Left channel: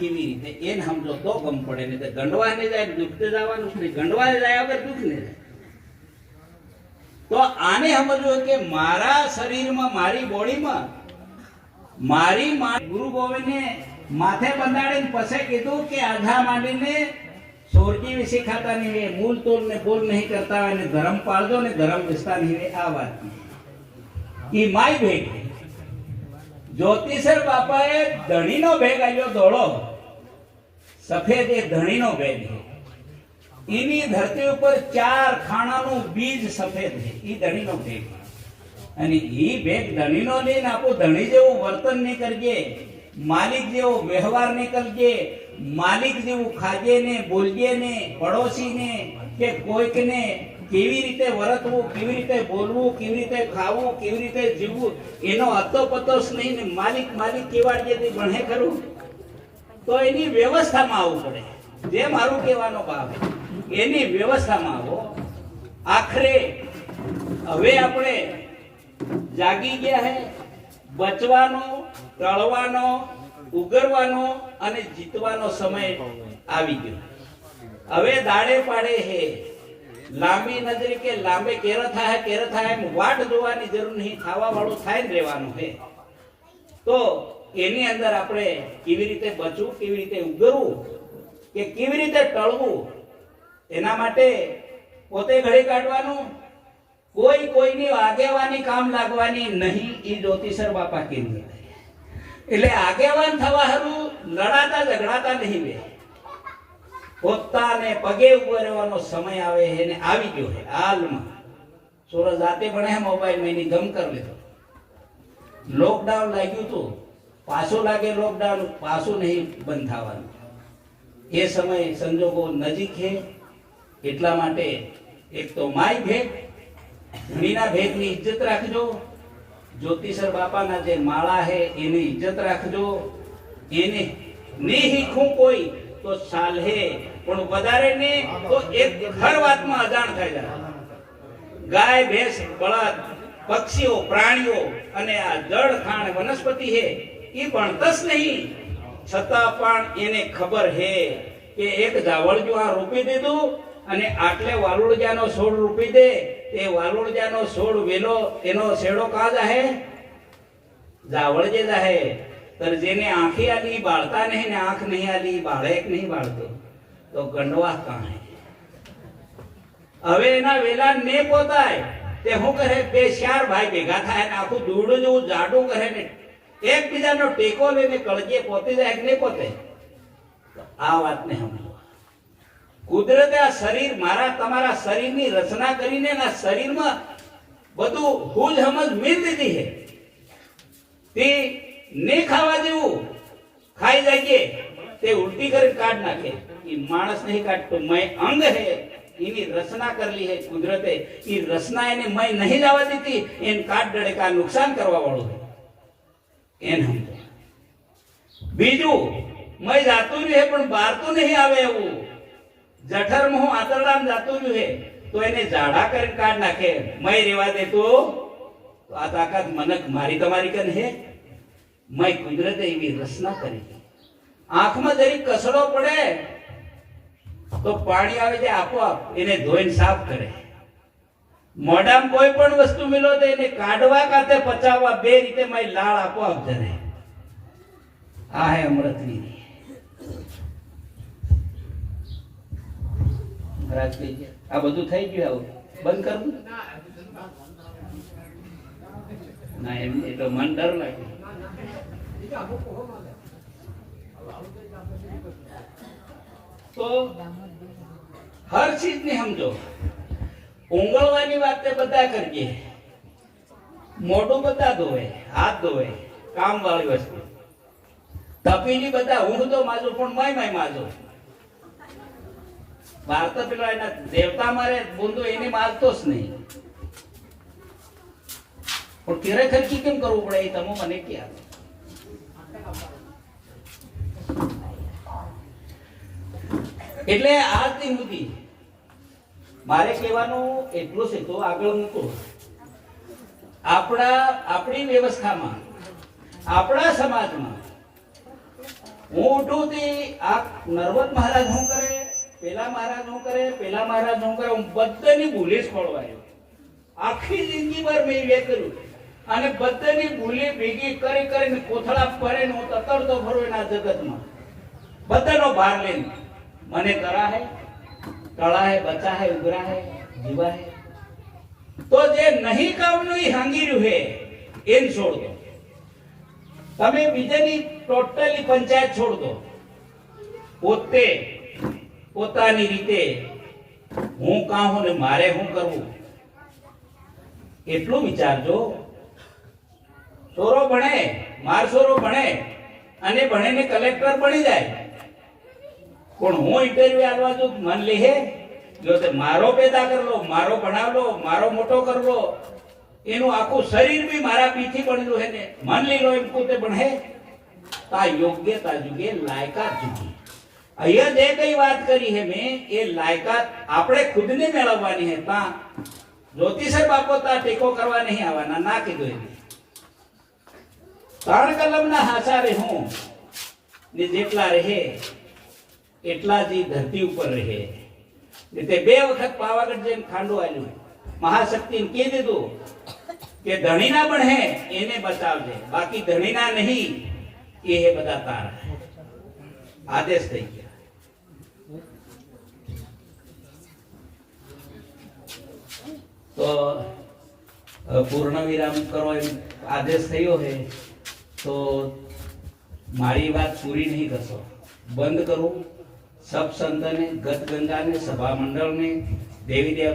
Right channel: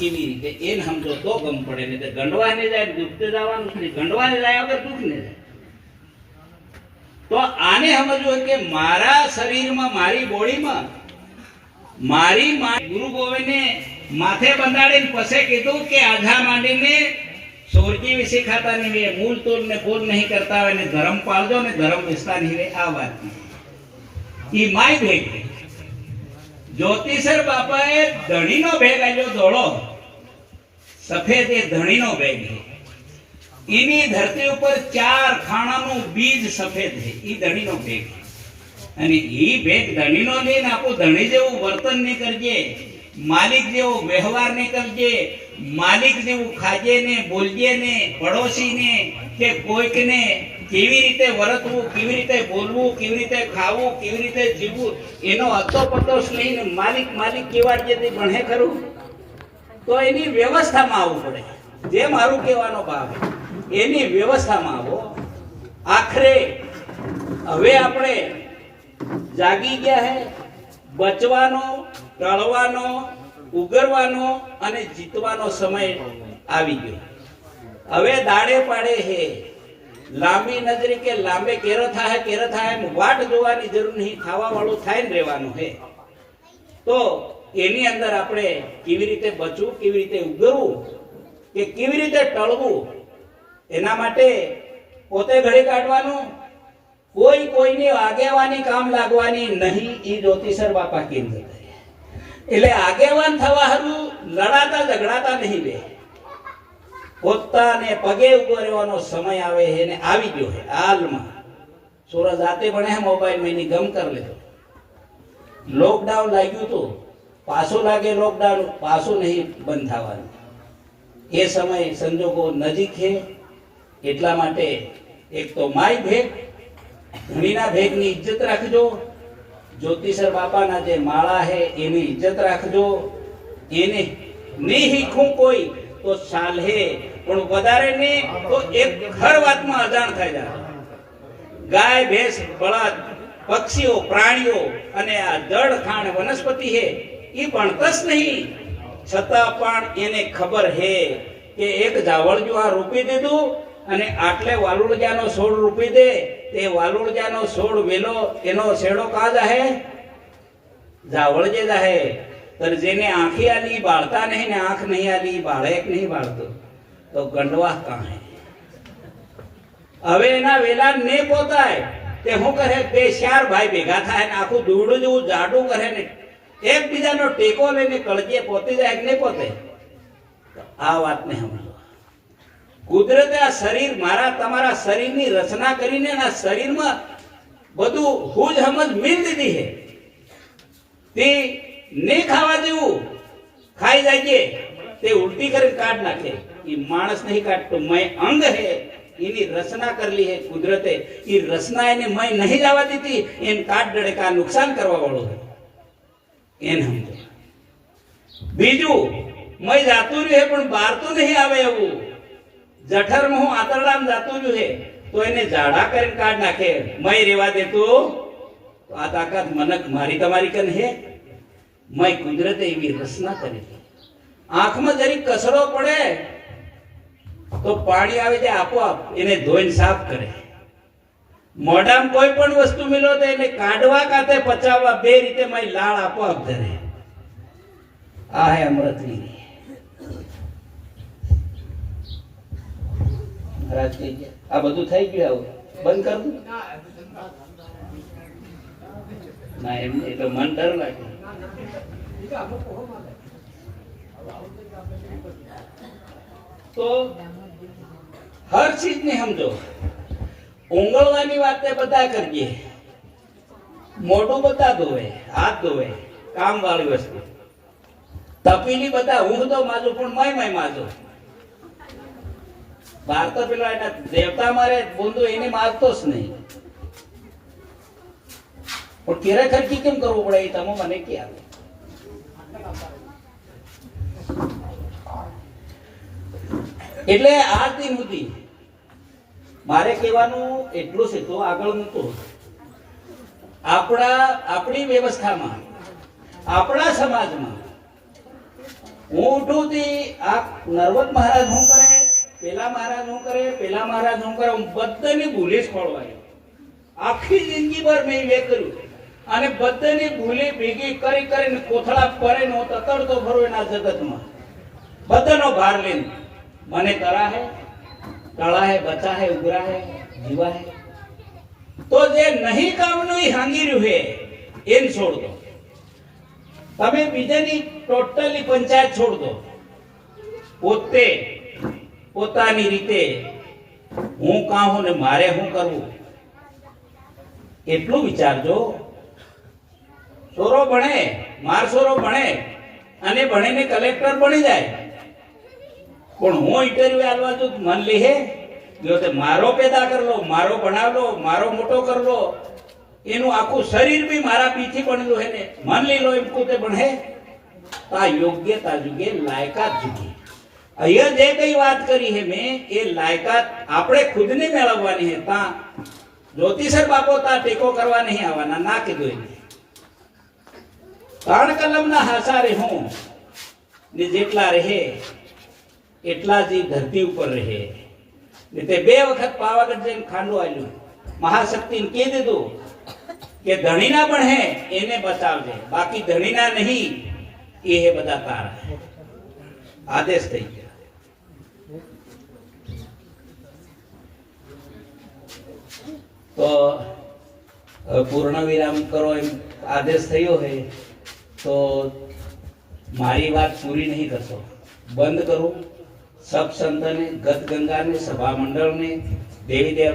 કેવી રીતે એને સમજો તો ગમ પડે. ને ગંડવાને જાય દુઃખ જવાનું નહીં, ગંડવાને જાય વગર દુઃખ ને જાય. તો આને સમજવું કે મારા શરીરમાં, મારી બોડીમાં, મારી ગુરુ ગોવિંદને માથે બંધાડીને પછી કીધું કે આધા માંડીને સોરજી વિશે ખાતા નહીં વે, મૂળ તોલ ને ફૂલ નહીં કરતા હોય ને ધર્મ પાળજો ને ધર્મ વિસ્તાર નહીં વે. આ વાત ઈ માય ભેગ. જ્યોતિષર બાપાએ ધણીનો ભેગ આલ્યો ધોળો સફેદ, એ ધણીનો ભેગ છે. એની ધરતી ઉપર 4 ખાણાનું બીજ સફેદ છે, ઈ ધણીનો ભેગ. અને ઈ ભેગ ધણીનો લઈને આપણું ધણી જેવું વર્તન નહીં કરજે, માલિક જેવો વ્યવહાર નહીં કરજે, માલિક જેવું ખાજે ને બોલજે ને, પડોશીને કે કોઈકને કેવી રીતે વર્તવું, કેવી રીતે બોલવું, કેવી રીતે ખાવું, કેવી રીતે જીવવું, એનો અતો પતોસ લઈને માલિક માલિક કેવાડજે તે ભણે ખરું. તો એની વ્યવસ્થામાં આવવું પડે. જે મારું કહેવાનો ભાવ એની વ્યવસ્થામાં આવો. આખરે હવે આપણે જાગી ગયા હે. બચવાનો, ટળવાનો, ઉગરવાનો અને જીતવાનો સમય આવી ગયો. હવે દાડે પાડે હે લાંબી નજરે કે લાંબે કેરો થાય વાટ જોવાની જરૂર નહીં, ખાવા વાળું થાય ને રહેવાનું હે. તો એની અંદર આપણે કેવી રીતે બચવું, કેવી રીતે ઉગરવું કે કેવી રીતે ટળવું, એના માટે પોતે ઘડી કાઢવાનું. કોઈ કોઈની આગેવાની કામ લાગવાની નહીં. એ જ્યોતિષર બાપા કેન્દ્ર. એટલે આગેવાન થવા હારું લડાતા ઝઘડાતા નહીં બે. પોતાને પગે ઉભો રહેવાનો સમય આવે છે ને આવી ગયો છે હાલમાં. સોરા જાતે ભણે મોબાઈલ મેં ગમ કરી લીધો. લોકડાઉન લાગ્યું તો પાછો લાગે લોકડાઉન, પાછું નહીં બંધ થવાનું. એ સમય સંજોગો નજીક છે. એટલા માટે એક તો માય ભેગ, ધણીના ભેગની ઇજ્જત રાખજો. જ્યોતિષર બાપાના જે માળા છે એની ઇજ્જત રાખજો. એને નહીં શીખવું કોઈ તો ચાલે, પણ વધારે ને તો એક હર વાતમાં અજાણ થઈ જાય. ગાય, ભેંસ, બળદ, પક્ષીઓ, પ્રાણીઓ અને આ જળ ખાણ વનસ્પતિ છે એ ભણતસ નહીં, છતાં પણ એને ખબર છે કે એક જાવળજુ આ રોપી દીધું અને આટલે વાલુળજાનો છોડ રોપી દે, તે વાલુળજાનો છોડ વેલો એનો શેડો કા જાહે? જાવળજે જાહે. तर जेने आंखी आली बाळता नहीं ने आंख नहीं आली बाळे नहीं बाळतो तो गंडवा कहां है? હવે એના વેલા ને પોતાય તે હું કરે બે ચાર ભાઈ ભેગા થાય ને આખું દૂડું જેવું જાડું કરે ને એકબીજાનો ટેકો લઈને કળજે પોતે જાય કે નહીં પોતે. આ વાતને સમજો. કુદરતે આ શરીર, મારા તમારા શરીરની રચના કરીને ના શરીરમાં બધું હુજ સમજ મિલ દીધી છે. તે નહીં ખાવા જેવું ખાઈ જાય તે ઉલટી કરી કાઢ નાખે. એ માણસ નહીં કાઢતો, મય અંગ હે, એની રચના કરેલી હે કુદરતે. એ રચના એને મય નહીં જવા દીધી, એને કાઢ ડળે કા નુકસાન કરવા વાળું એને સમજો. બીજું મય જાતું રહ્યું પણ બહાર તો નહીં આવે એવું. જઠરમાં હું આતરડામ જાતું રહ્યું તો એને જાડા કરીને કાઢ નાખે. મય રેવા દેતો આ તાકાત મનક મારી તમારી કન હે. મય કુદરતે એવી રચના કરી. આંખમાં જરી કસરો પડે તો પાણી આવે છે આપોઆપ એને ધોઈને સાફ કરે. મોઢામાં કોઈ પણ વસ્તુ મિલો તો એને કાઢવા કાતે પચાવવા બે રીતે મય લાળ આપોઆપ ધરે. આ હે અમૃતની. મહારાજ કહી ગયા આ બધું થઈ ગયું, બંધ કરવું ના. એમ એટલે મન ડર લાગે. તો હર ચીજ ને સમજો. ઉંગળવાની વાત બધા કરીએ. મોઢું બધા ધોવે, હાથ ધોવે, કામ વાળી વસ્તુ. તપીની બધા હું તો માજુ પણ મય માજો. બહાર તો પેલા એના દેવતા મારે બોંધો એને મારતો જ નહીં. પણ તેરે ખર્ચી કેમ કરવું પડે એ તમે મને ક્યાં. એટલે આ તી મુદ્દી મારે કહેવાનું એટલું છે. તો આગળ મૂકો. આપણી વ્યવસ્થામાં, આપણા સમાજમાં હું ઉઠું થી આ નર્મદ મહારાજ શું કરે, પેલા મહારાજ શું કરે, પેલા મહારાજ શું કરે, હું બધાની ભૂલે જ ખોળવાયો. આખી જિંદગી ભર મેં એ કર્યું અને બધાની ભૂલે ભેગી કરી કરીને કોથળા પડે ને હું તતડતો ફરું એના જગતમાં, બધાનો ભાર લઈને. મને તરા હે, તળા હે, બચા હે, ઉગરા હે, જીવા હે. તો જે નહીં કામનું એ હાંગી રહ્યું હે એને છોડ દો. તમે બીજાની ટોટલી પંચાયત છોડ દો. પોતે પોતાની રીતે હું કાં હું ને મારે શું કરવું એટલું વિચારજો. છોરો ભણે, માર છોરો ભણે અને ભણીને કલેક્ટર બની જાય, પણ હું ઇન્ટરવ્યુ આલવા જો મન લે હે જો તે મારો પેદા કરલો, મારો ભણાવલો, મારો મોટો કરલો, એનું આખું શરીર બી મારા પીછી બનેલું હે ને મન લે લો એમ પોતે ભણે. આ યોગ્યતા જુગે, લાયકાત જુગે. અહીંયા જે કઈ વાત કરી હે મેં એ લાયકાત આપણે ખુદને મેળવવાની હે. તા જ્યોતિષર બાપો તા ટેકો કરવા નહીં આવવાના, ના કીધું એને. ત્રણ કલમના હાસા રે હું ને જેટલા રહે એટલા જ ધરતી ઉપર રહે. ને તે 2 વખત પાવાગઢ જઈને ખાંડો આલ્યું. મહાશક્તિને કહી દીધું કે ધણીના પણ હે એને બચાવજે, બાકી ધણીના નહીં એ હે બધા તારા. આદેશ થઈ ગયા. તો પૂર્ણ વિરામ કરો એમ આદેશ થયો હે તો મારી વાત પૂરી નહીં કરશો. બંધ કરું. સબ સંતને, ગત ગંગાને, સભા મંડળને, દેવી દેવતા